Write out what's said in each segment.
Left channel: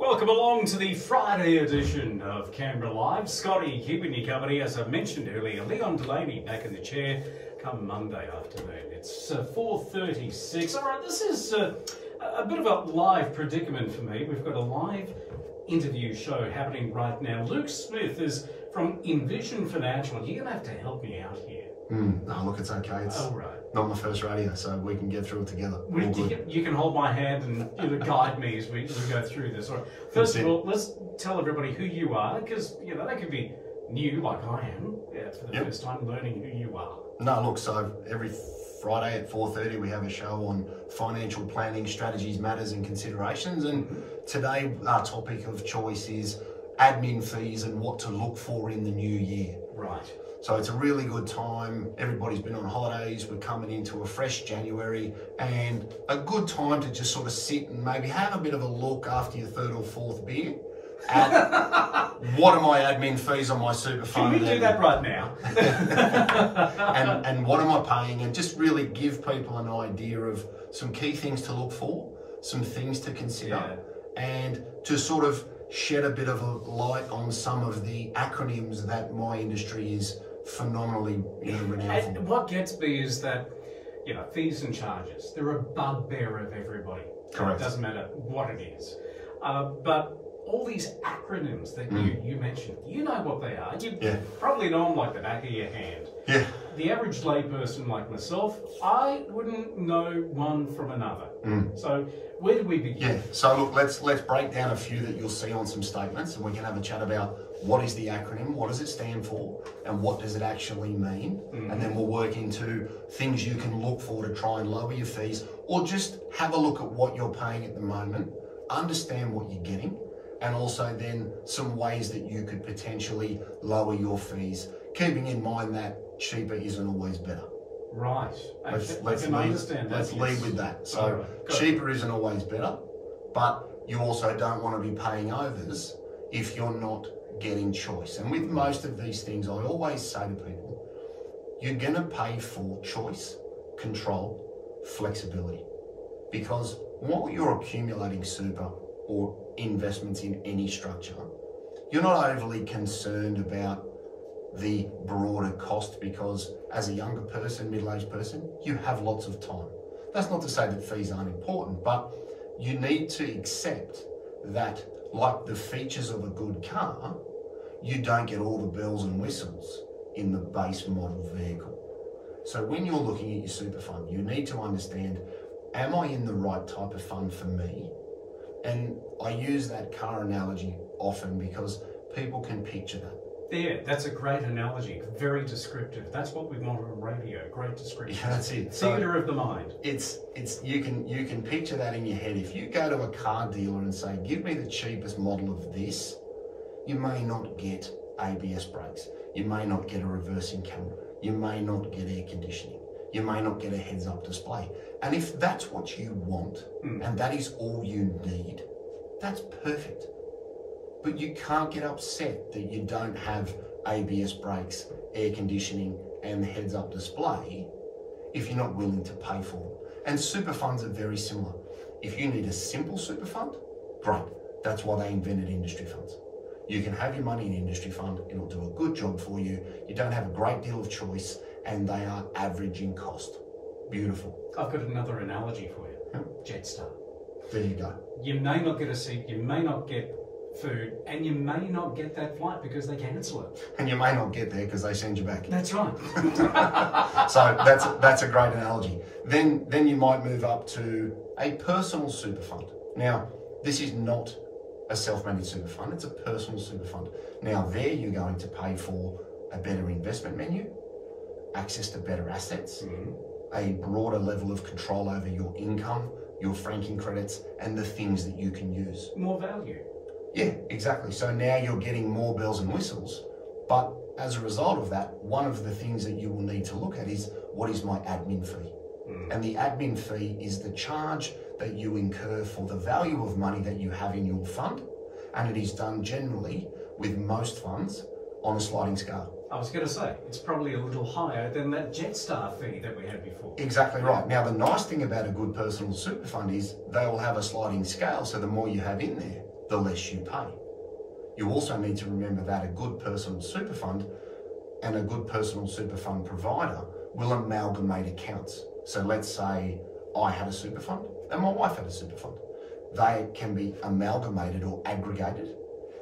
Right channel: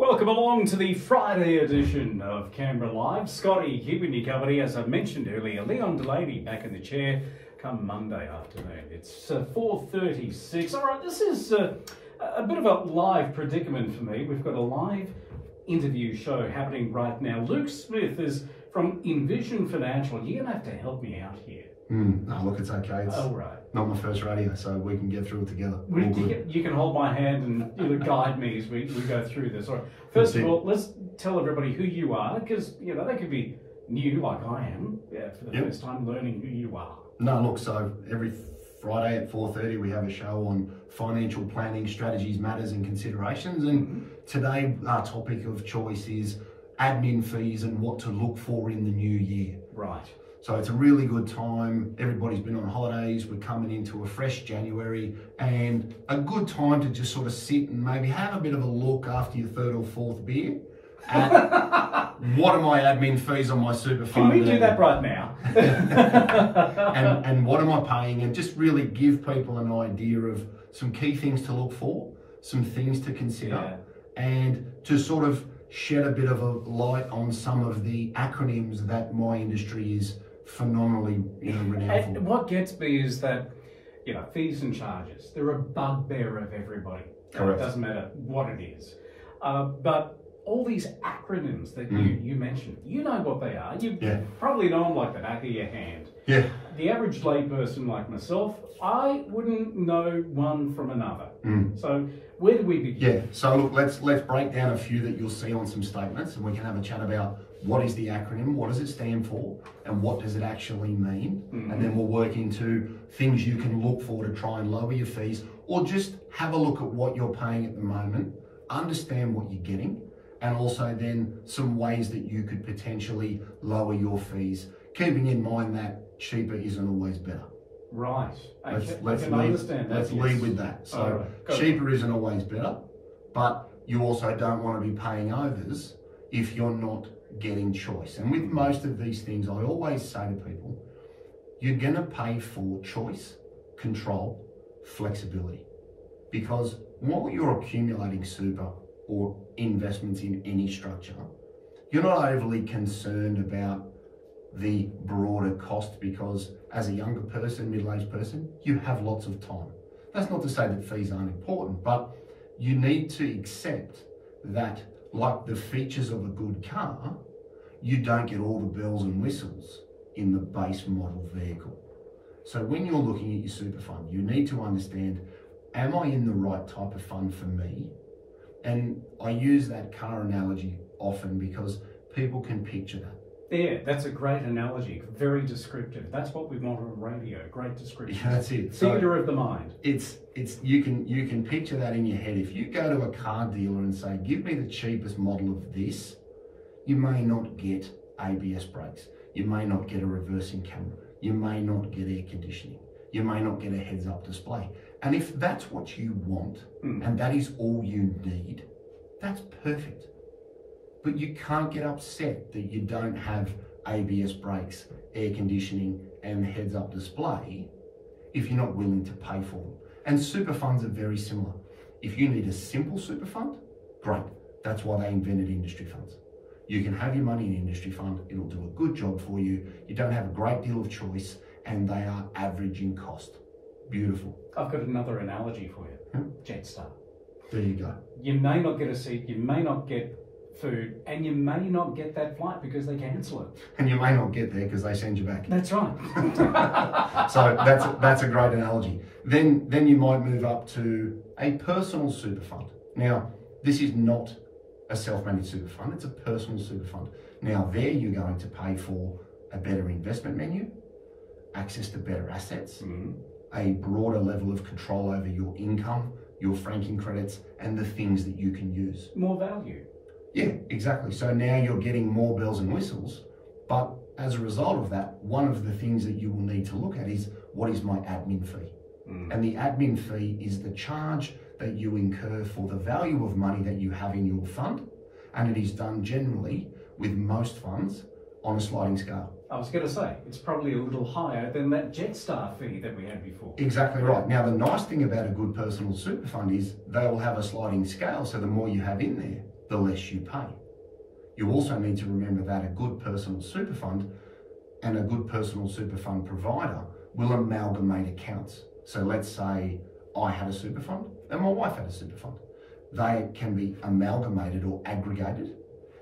Welcome along to the Friday edition of Canberra Live. Scotty keeping you company, as I mentioned earlier. Leon Delaney back in the chair come Monday afternoon. It's 4:36. All right, this is a bit of a live predicament for me. We've got a live interview show happening right now. Luke Smith is from Envision Financial. You're going to have to help me out here. No, look, it's okay. It's not my first radio, so we can get through it together. You can hold my hand and guide me as we go through this. All right. First of all, let's tell everybody who you are, because they could be new, like I am, for the first time learning who you are. No, look, so every Friday at 4:30 we have a show on financial planning, strategies, matters and considerations. And today our topic of choice is admin fees and what to look for in the new year. Right. So it's a really good time. Everybody's been on holidays. We're coming into a fresh January, and a good time to just sort of sit and maybe have a bit of a look after your third or fourth beer at what are my admin fees on my super fund. Can we do that right now? and what am I paying? And just really give people an idea of some key things to look for, some things to consider, and to sort of shed a bit of a light on some of the acronyms that my industry is phenomenally renowned for. And what gets me is that, fees and charges, they're a bugbear of everybody. Correct. It doesn't matter what it is. But all these acronyms that you mentioned, you know what they are. You probably know them like the back of your hand. Yeah. The average layperson like myself, I wouldn't know one from another. So where do we begin? Yeah, so look, let's break down a few that you'll see on some statements, and we can have a chat about what is the acronym, what does it stand for, and what does it actually mean. And then we'll work into things you can look for to try and lower your fees, or just have a look at what you're paying at the moment, understand what you're getting, and also then some ways that you could potentially lower your fees, keeping in mind that cheaper isn't always better. Right. I can lead, understand that. Let's lead with that. So cheaper isn't always better, but you also don't want to be paying overs if you're not getting choice. And with most of these things, I always say to people, you're going to pay for choice, control, flexibility. Because while you're accumulating super or investments in any structure, you're not overly concerned about the broader cost, because as a younger person, middle-aged person, you have lots of time. That's not to say that fees aren't important, but you need to accept that, like the features of a good car, you don't get all the bells and whistles in the base model vehicle. So when you're looking at your super fund, you need to understand, am I in the right type of fund for me? And I use that car analogy often because people can picture that. Yeah, that's a great analogy. Very descriptive. That's what we want on radio. Great description. Yeah, that's it. Theatre of the mind. You can picture that in your head. If you go to a car dealer and say, give me the cheapest model of this, you may not get ABS brakes. You may not get a reversing camera. You may not get air conditioning. You may not get a heads-up display. And if that's what you want, and that is all you need, that's perfect. But you can't get upset that you don't have ABS brakes, air conditioning, and the heads-up display if you're not willing to pay for them. And super funds are very similar. If you need a simple super fund, great. That's why they invented industry funds. You can have your money in an industry fund, it'll do a good job for you. You don't have a great deal of choice, and they are average in cost. Beautiful. I've got another analogy for you. Jetstar. There you go. You may not get a seat, you may not get food, and you may not get that flight because they cancel it. And you may not get there because they send you back. That's right. So that's a great analogy. Then you might move up to a personal super fund. Now, this is not a self-managed super fund, it's a personal super fund. Now there you're going to pay for a better investment menu, access to better assets, a broader level of control over your income, your franking credits, and the things that you can use. More value. Yeah, exactly. So now you're getting more bells and whistles, but as a result of that, one of the things that you will need to look at is, what is my admin fee? And the admin fee is the charge that you incur for the value of money that you have in your fund, and it is done generally with most funds on a sliding scale. I was going to say, it's probably a little higher than that Jetstar fee that we had before. Exactly right. Now, the nice thing about a good personal super fund is they will have a sliding scale, so the more you have in there, the less you pay. You also need to remember that a good personal super fund and a good personal super fund provider will amalgamate accounts. So let's say I had a super fund and my wife had a super fund. They can be amalgamated or aggregated,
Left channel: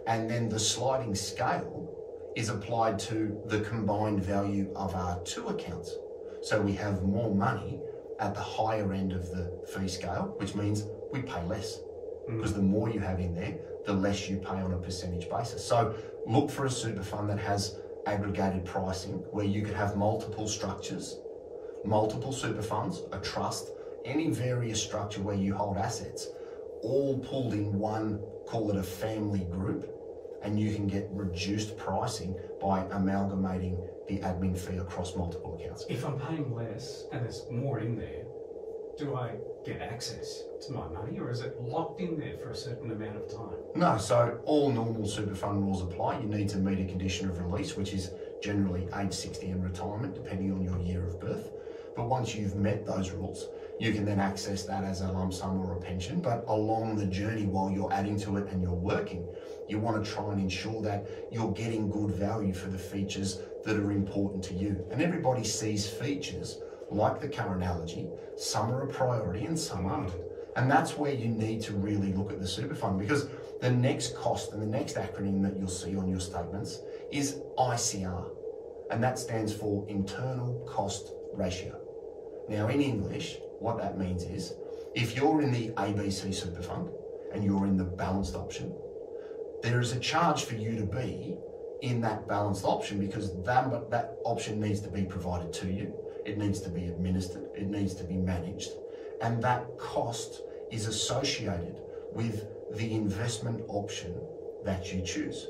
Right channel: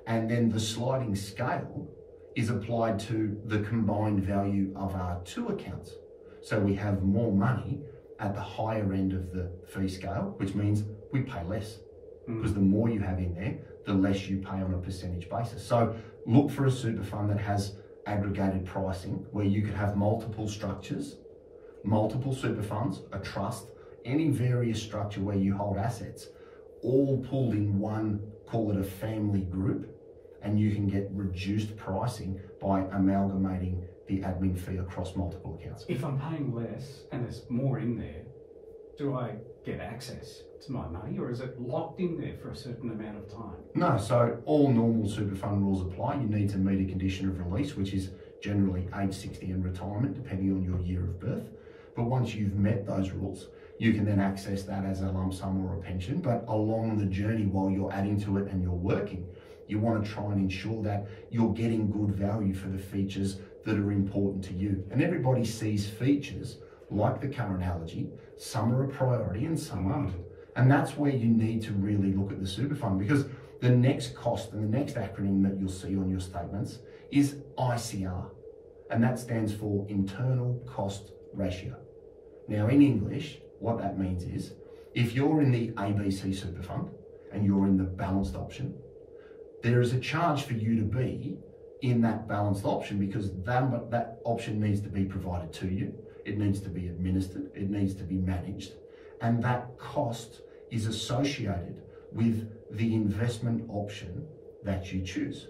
and then the sliding scale is applied to the combined value of our two accounts. So we have more money at the higher end of the fee scale, which means we pay less. Because the more you have in there, the less you pay on a percentage basis. So look for a super fund that has aggregated pricing, where you could have multiple structures, multiple super funds, a trust, any various structure where you hold assets, all pulled in one, call it a family group, and you can get reduced pricing by amalgamating the admin fee across multiple accounts. If I'm paying less and there's more in there, do I get access to my money, or is it locked in there for a certain amount of time? No, so all normal super fund rules apply. You need to meet a condition of release, which is generally age 60 and retirement, depending on your year of birth. But once you've met those rules, you can then access that as a lump sum or a pension. But along the journey, while you're adding to it and you're working, you want to try and ensure that you're getting good value for the features that are important to you. And everybody sees features, like the car analogy, some are a priority and some aren't. And that's where you need to really look at the super fund, because the next cost and the next acronym that you'll see on your statements is ICR. And that stands for internal cost ratio. Now in English, what that means is, if you're in the ABC super fund and you're in the balanced option, there is a charge for you to be in that balanced option, because that option needs to be provided to you. It needs to be administered. It needs to be managed. And that cost is associated with the investment option that you choose.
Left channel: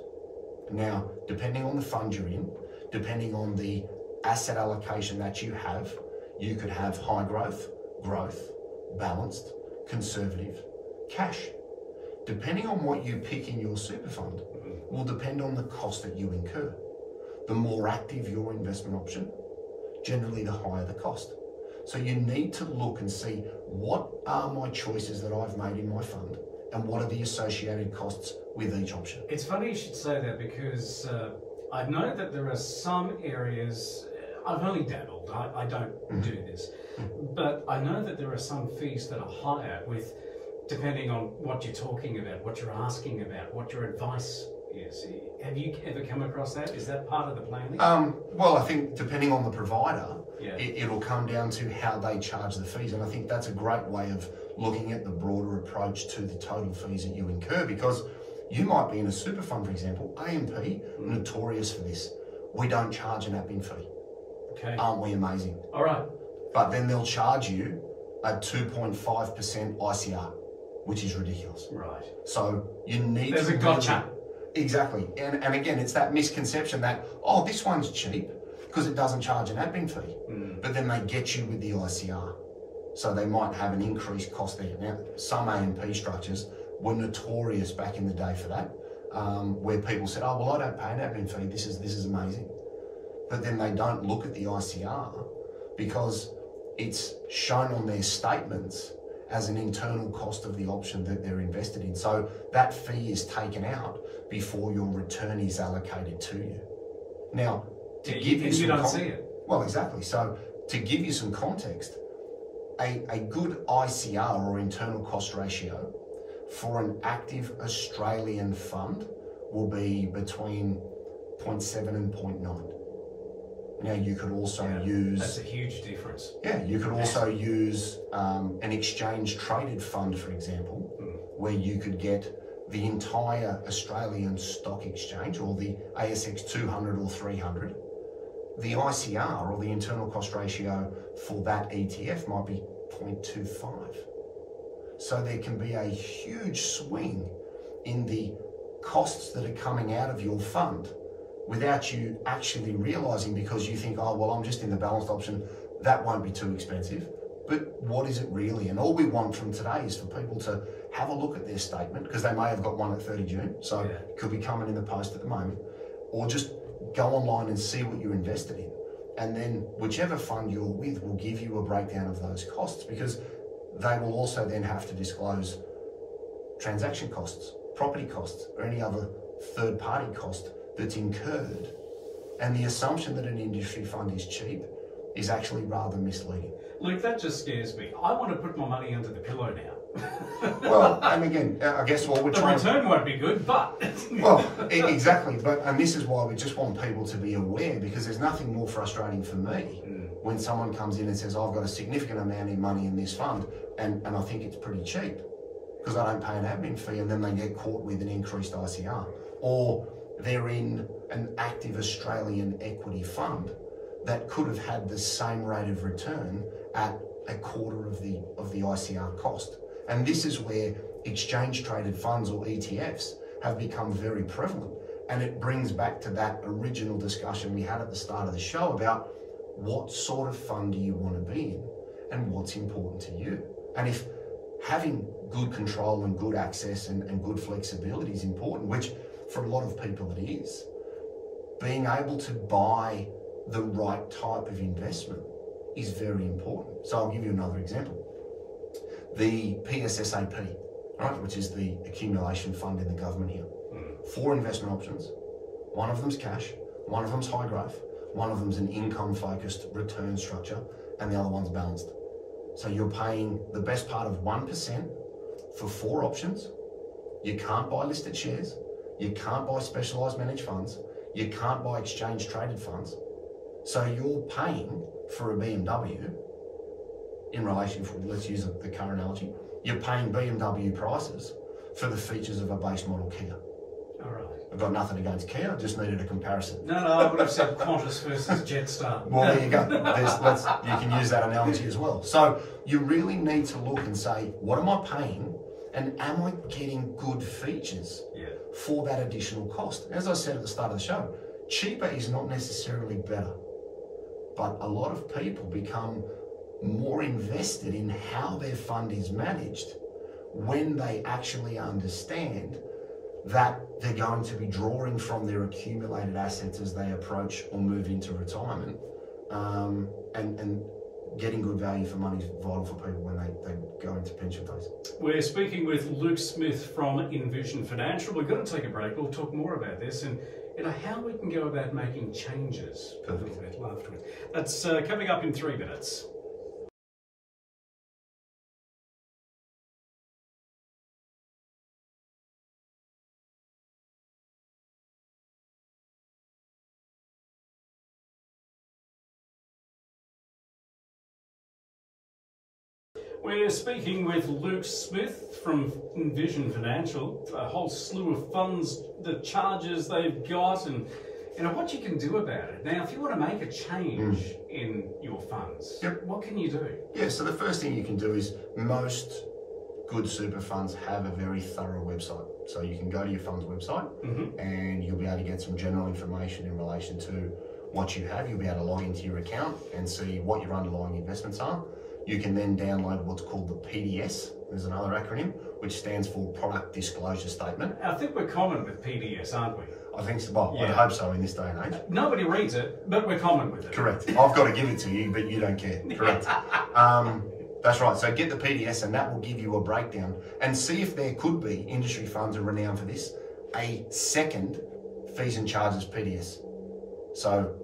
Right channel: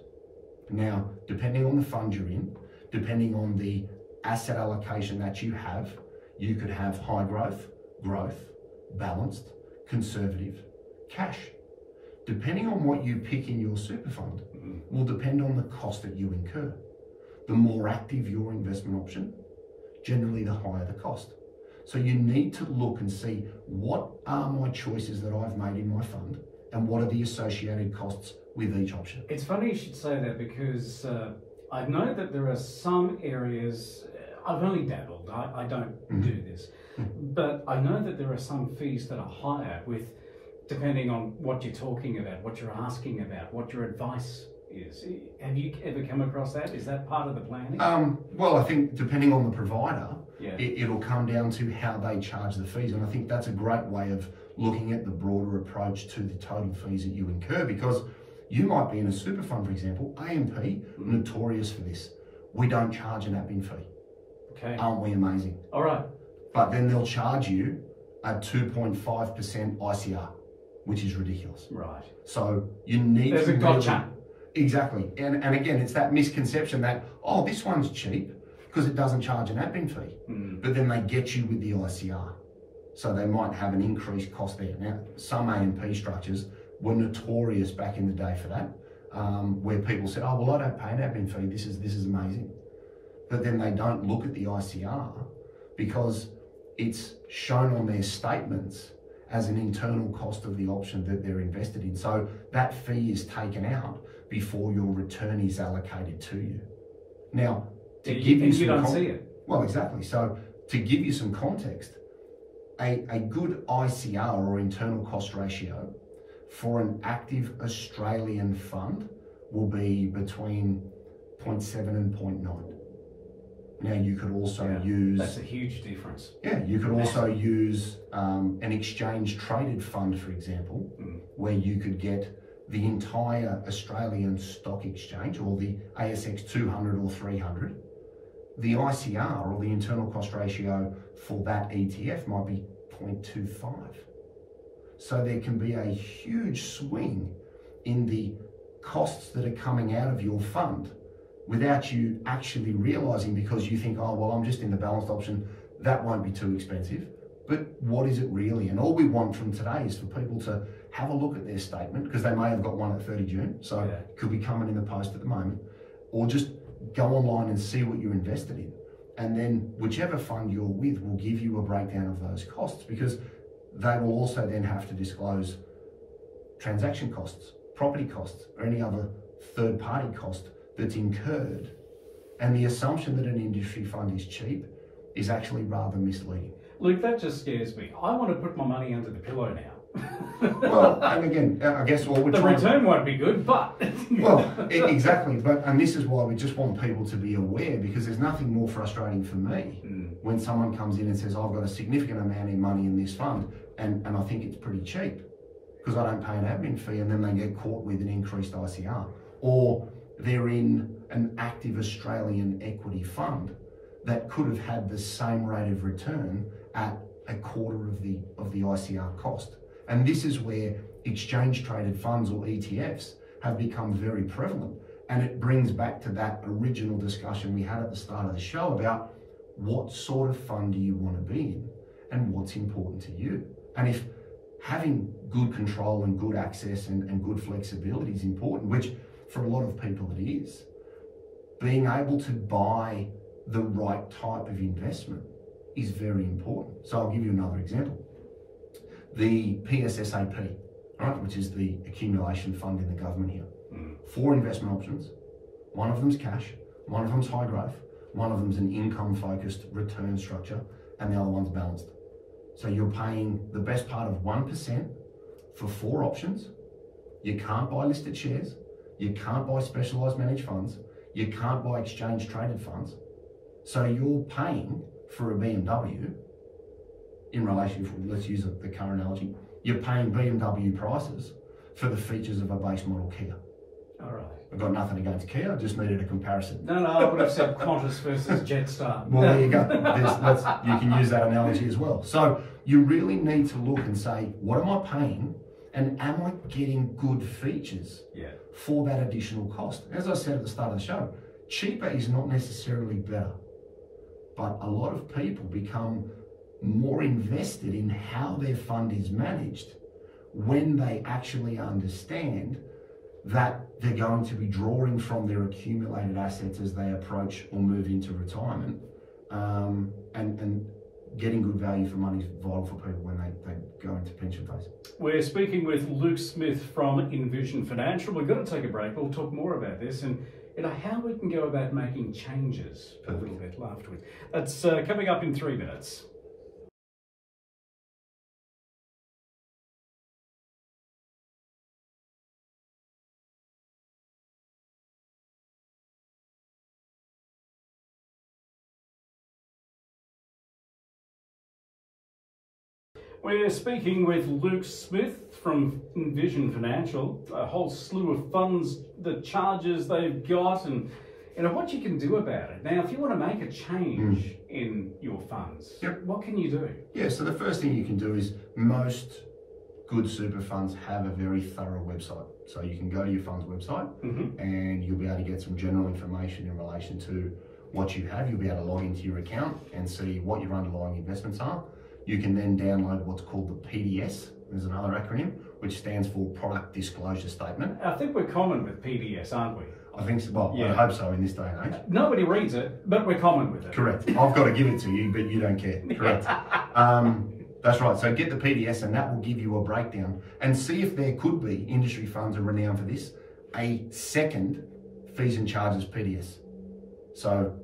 Now, depending on the fund you're in, depending on the asset allocation that you have, you could have high growth, balanced, conservative, cash. Depending on what you pick in your super fund will depend on the cost that you incur. The more active your investment option, generally the higher the cost. So you need to look and see, what are my choices that I've made in my fund and what are the associated costs with each option? It's funny you should say that, because I know that there are some areas, I've only dabbled, I don't do this, but I know that there are some fees that are higher with, depending on what you're talking about, what you're asking about, what your advice is. Have you ever come across that? Is that part of the planning? Well, I think depending on the provider, yeah, it'll come down to how they charge the fees. And I think that's a great way of looking at the broader approach to the total fees that you incur, because you might be in a super fund, for example, AMP, notorious for this. We don't charge an admin fee. Okay. Aren't we amazing? All right. But then they'll charge you a 2.5% ICR, which is ridiculous. Right. So you need There's to... a gotcha. Exactly. And again, it's that misconception that, oh, this one's cheap because it doesn't charge an admin fee. But then they get you with the ICR. So they might have an increased cost there. Now, some AMP structures were notorious back in the day for that, where people said, oh, well, I don't pay an admin fee. This is amazing. But then they don't look at the ICR because it's shown on their statements as an internal cost of the option that they're invested in. So that fee is taken out before your return is allocated to you. Now, to give you don't see it. Well, exactly. So to give you some context, a good ICR, or internal cost ratio, for an active Australian fund will be between 0.7 and 0.9. Now, you could also use... That's a huge difference. Yeah, you could also use an exchange-traded fund, for example, where you could get the entire Australian stock exchange, or the ASX 200 or 300. The ICR, or the internal cost ratio, for that ETF might be 0.25. So there can be a huge swing in the costs that are coming out of your fund without you actually realising, because you think, oh, well, I'm just in the balanced option, that won't be too expensive. But what is it really? And all we want from today is for people to have a look at their statement, because they may have got one at 30 June, so it could be coming in the post at the moment, or just go online and see what you're invested in. And then whichever fund you're with will give you a breakdown of those costs, because they will also then have to disclose transaction costs property costs or any other third-party cost that's incurred. And the assumption that an industry fund is cheap is actually rather misleading. Luke, that just scares me. I want to put my money under the pillow now. Well, and again, I guess what we're trying... The return won't be good, but... Well, exactly. And this is why we just want people to be aware, because there's nothing more frustrating for me when someone comes in and says, I've got a significant amount of money in this fund and I think it's pretty cheap because I don't pay an admin fee, and then they get caught with an increased ICR. Or they're in an active Australian equity fund that could have had the same rate of return at a quarter of the ICR cost. And this is where exchange traded funds, or ETFs, have become very prevalent. And it brings back to that original discussion we had at the start of the show about what sort of fund do you want to be in and what's important to you. And if having good control and good access and good flexibility is important, which for a lot of people it is, being able to buy the right type of investment is very important. So I'll give you another example. The PSSAP, right, which is the accumulation fund in the government here. 4 investment options. One of them's cash, one of them's high growth, one of them's an income-focused return structure, and the other one's balanced. So you're paying the best part of 1% for 4 options. You can't buy listed shares. You can't buy specialised managed funds. You can't buy exchange traded funds. So you're paying for a BMW in relation, let's use the car analogy, you're paying BMW prices for the features of a base model Kia. All right. I've got nothing against Kia, I just needed a comparison. No, I would have said Qantas versus Jetstar. Well, there you go. You can use that analogy as well. So you really need to look and say, what am I paying? And am I getting good features for that additional cost? As I said at the start of the show, cheaper is not necessarily better. But a lot of people become more invested in how their fund is managed when they actually understand that they're going to be drawing from their accumulated assets as they approach or move into retirement, and getting good value for money is vital for people when they go into pension phase. We're speaking with Luke Smith from Envision Financial. We're going to take a break. We'll talk more about this and how we can go about making changes a little bit afterwards. That's coming up in 3 minutes. We're speaking with Luke Smith from Envision Financial, a whole slew of funds, the charges they've got, and what you can do about it. Now, if you want to make a change in your funds, what can you do? Yeah, so the first thing you can do is most good super funds have a very thorough website. So you can go to your fund's website and you'll be able to get some general information in relation to what you have. You'll be able to log into your account and see what your underlying investments are. You can then download what's called the PDS. There's another acronym, which stands for Product Disclosure Statement. I think we're common with PDS, aren't we? I think so. Well, I hope so in this day and age. Nobody reads it, but we're common with it. Correct. I've got to give it to you, but you don't care. Correct. That's right. So get the PDS and that will give you a breakdown and see if there could be, industry funds are renowned for this, a second fees and charges PDS. So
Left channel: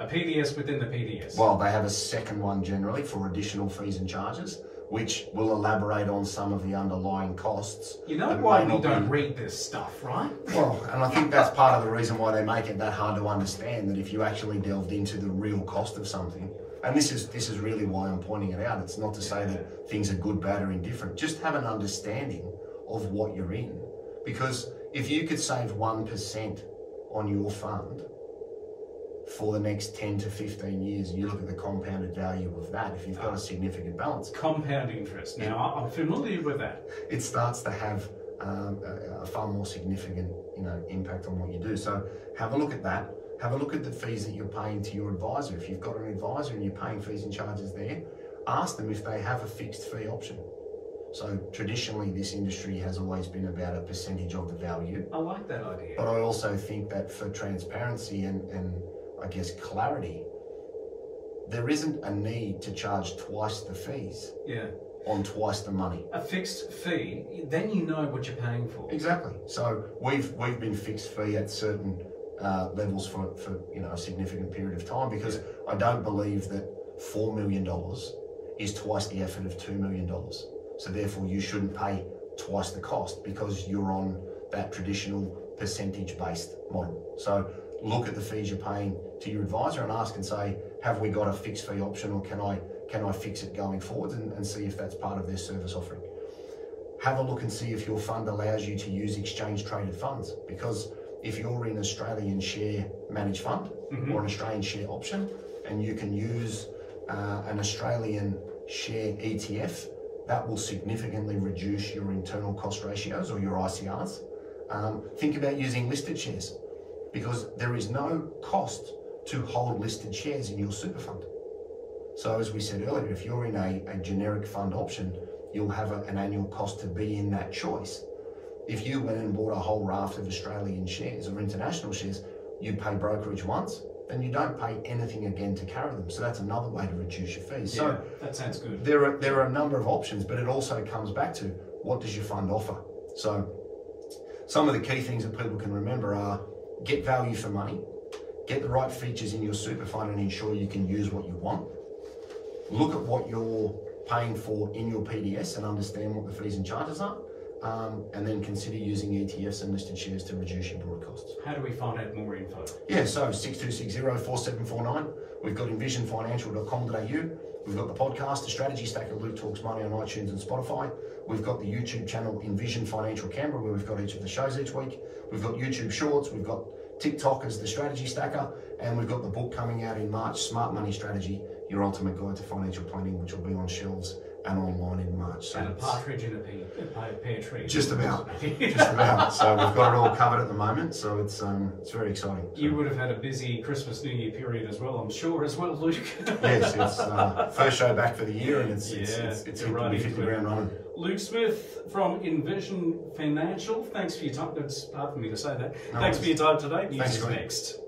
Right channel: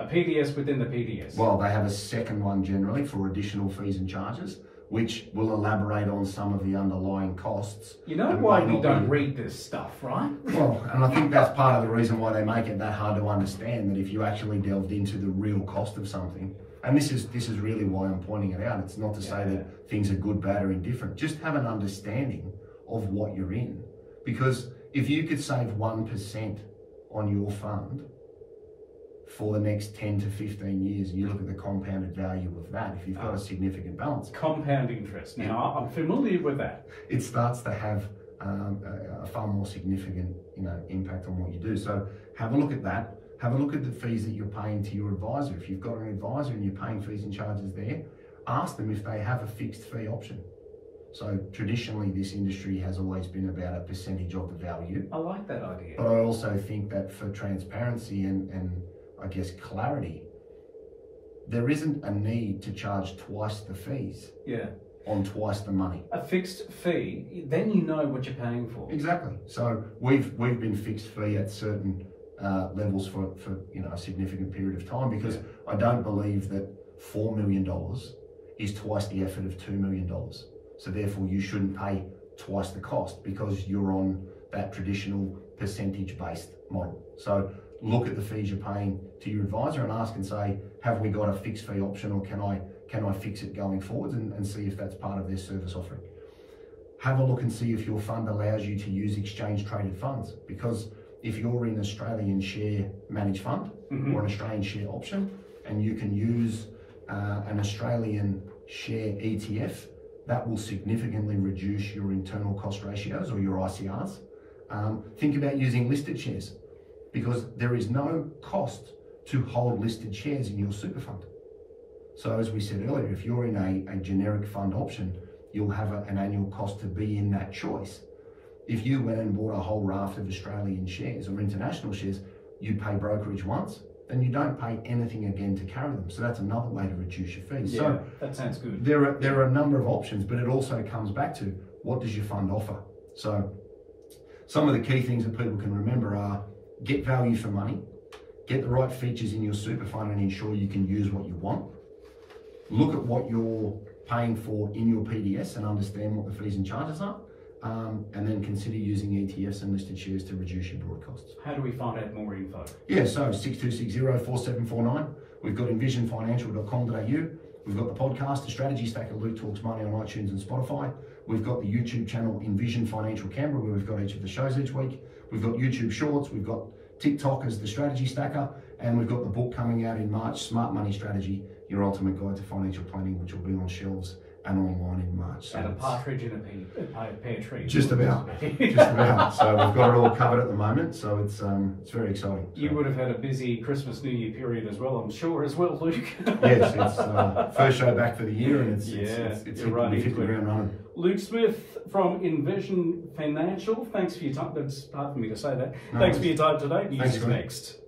a PDS within the PDS? Well, they have a second one generally for additional fees and charges, which will elaborate on some of the underlying costs. You know why we don't read this stuff, right? Well, and I think that's part of the reason why they make it that hard to understand, that if you actually delved into the real cost of something, and this is really why I'm pointing it out. It's not to say that things are good, bad or indifferent. Just have an understanding of what you're in. Because if you could save 1% on your fund for the next 10 to 15 years, and you look at the compounded value of that, if you've got a significant balance. Compound interest. Now, I'm familiar with that. It starts to have a far more significant, impact on what you do. So have a look at that. Have a look at the fees that you're paying to your advisor. If you've got an advisor and you're paying fees and charges there, ask them if they have a fixed fee option. So traditionally, this industry has always been about a percentage of the value. I like that idea. But I also think that for transparency and I guess clarity, there isn't a need to charge twice the fees on twice the money. A fixed fee, then you know what you're paying for. Exactly. So we've been fixed fee at certain levels for a significant period of time, because I don't believe that $4 million is twice the effort of $2 million. So therefore you shouldn't pay twice the cost, because you're on that traditional percentage-based model. So look at the fees you're paying to your advisor and ask and say, have we got a fixed fee option, or can I fix it going forwards, and see if that's part of their service offering. Have a look and see if your fund allows you to use exchange traded funds, because if you're in Australian share managed fund or an Australian share option, and you can use an Australian share ETF, that will significantly reduce your internal cost ratios or your ICRs. Think about using listed shares, because there is no cost to hold listed shares in your super fund. So as we said earlier, if you're in a generic fund option, you'll have an annual cost to be in that choice. If you went and bought a whole raft of Australian shares or international shares, you pay brokerage once, then you don't pay anything again to carry them. So that's another way to reduce your fees. Yeah, so that sounds good. There are a number of options, but it also comes back to, what does your fund offer? So some of the key things that people can remember are, get value for money, get the right features in your super fund and ensure you can use what you want. Look at what you're paying for in your PDS and understand what the fees and charges are. And then consider using ETFs and listed shares to reduce your broad costs. How do we find out more info? Yeah, so 6260-4749. We've got envisionfinancial.com.au. We've got the podcast, The Strategy Stacker, Luke Talks Money on iTunes and Spotify. We've got the YouTube channel Envision Financial Canberra, where we've got each of the shows each week. We've got YouTube Shorts. We've got TikTok as The Strategy Stacker. And we've got the book coming out in March, Smart Money Strategy, Your Ultimate Guide to Financial Planning, which will be on shelves and online in March. So and a partridge in a pear tree. Just about. Just about. So we've got it all covered at the moment. So it's very exciting. You would have had a busy Christmas New Year period as well, I'm sure, as well, Luke. Yes, it's first show back for the year, and it's right, 50 ground running. Luke Smith from Envision Financial. Thanks for your time. It's hard for me to say that. Thanks for your time today. News is next.